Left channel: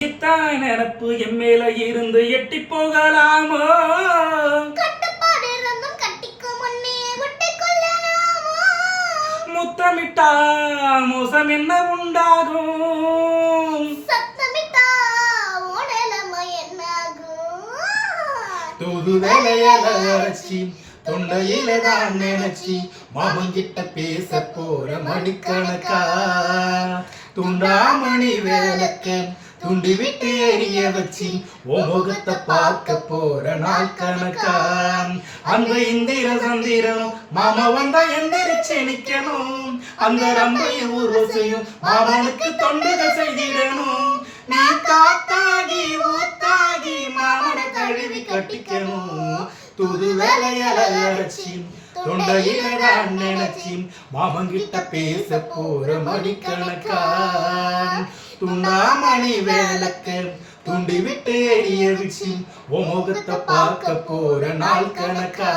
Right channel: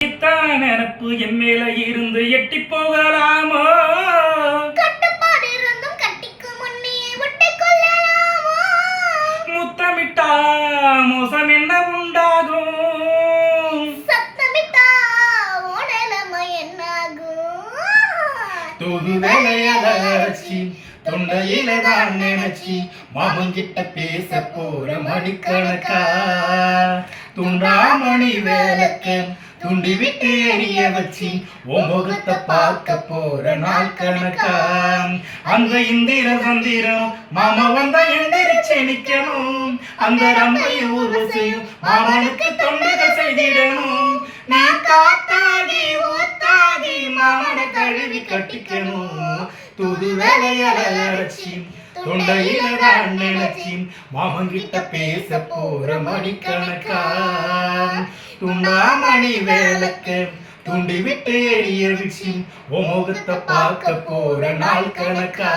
நினப்பு என் மேல இருந்து எட்டி போகலாமோ? கட்டுப்பாடு இருந்தும் கட்டிக்கு முன்னே ஒட்டி கொள்ளலாமோ? முத்தமிட்டா மோசம் என்ன உண்டாகும்? சத்தமிட்டா உன் நிலைமை என்னாகும்? தூது வேலையால அரைச்சி தொண்டையில தான் நினைச்சி மாமங்கிட்ட பேச போற மணிக்கணக்கா துண்டாமணி வேலைக்கு துண்டி விட்டு எரிய வச்சு உன் முகத்தை பார்க்க போற நாள் கணக்கா. அந்த இந்திர சந்திரம் மாமா வந்தா எந்திரிச்சு நிக்கணும். அந்த ரம்பையும் ஊர்வசையும் மாமனுக்கு தொண்டுகள் செய்திடணும். நீ காத்தாகி ஊத்தாகி மாமனை கழுவி கட்டிக்கணும். தூது வேலையால அரைச்சி தொண்டையில தான் நினைச்சி மாமங்கிட்ட பேச போற மணிக்கணக்கா துண்டாமணி வேலைக்கு துண்டி விட்டு எரிய வச்சு உன் முகத்தை பார்க்க போற நாள் கணக்கா.